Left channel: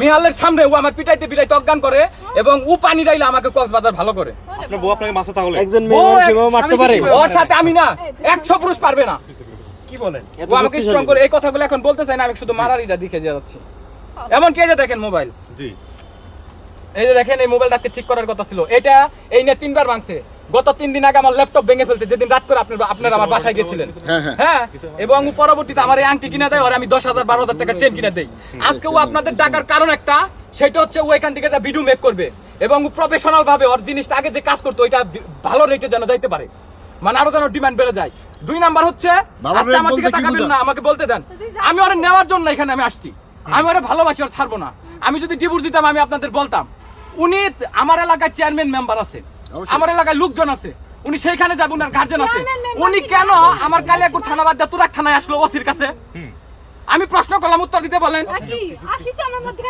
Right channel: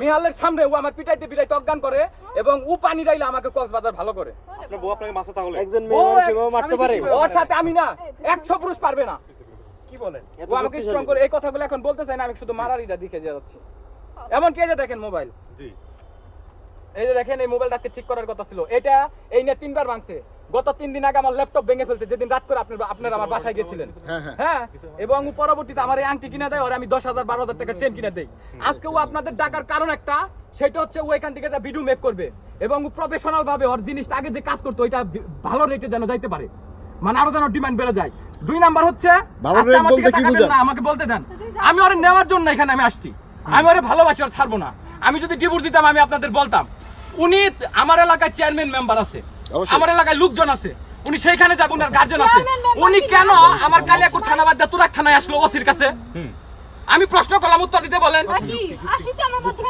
মিহালের সামনে ও আমার পিটাইতে পিটাইতে অজ্ঞান করে এবং ও পানি ডাইলে আমাকে কক্সবাজার ভালো করে। আপনার বউ আপনাকে মারছে তাহলে? একজন মেয়ে মানুষ এভাবে মারতে পারে? ওর সাথে আমি না 100 পুরুষ পারবে না। কি বলেন? ও আমাকে স্ট্রং করে এই কথাগুলো এখন বলতে চাই না, আমি শুধু মারারিটা দিকে যাচ্ছি। এমন কি এই যে দেখেন মোবাইল, জি এই যে দেখেন এই মোবাইলটাকে ঠিক করার কথা ছিল, এটা এই নিয়ে 3 বার ভাঙছে। গত 3 দিন আগে আমার ল্যাপটপ ভেঙে ফেলছে, যেদিন রাত করে আপনারা আমার বাসায় গেছিলেন। হ্যাঁ, এবং পরবর্তীতে আমার এই আংটি কিনে দেয় আর আমি 10,000 12,000 টাকা চেন কিনে দেই। আজকে ও আপনাদের টাকার কারণ একটা, সেটা হচ্ছে ও এখান থেকে যা ভিডিও মেক করবে এবং ও প্রফেশনাল ভাবে ওর জিনিসটা আগে যে কাজ করতো এটা ভালো রেটে যেন যাইতে পারে, মানে আরো যেন ডিমান্ড বেড়ে যায়। 2 নাম্বার হচ্ছে আজকে আমার দিকে তাকাবেন না, আমাকে বলতে দেন। আমি ওরে নেওয়ার জন্য এখানে আমি আসছি, আমি ওরে ভালোবাসি, আর ছাড়বো না। আমি যদি ডিভোর্স দিতাম আমি আপনাদের বলতাম। উনি আমার এলাকায় চেয়ারম্যান মেম্বার আছে, আমার এলাকায় লোকজন আছে, উনি সেইখানে যাবেন, আর গার্জেন আছে। উনি কেন আমার কালিয়াকুর থানা বাদ দিয়ে তুরাক থানায় আসলো ওসির কাছে? আমি প্রশ্ন করলাম, উত্তর দিতে বলেন। কি আসিছে আমার মধ্যে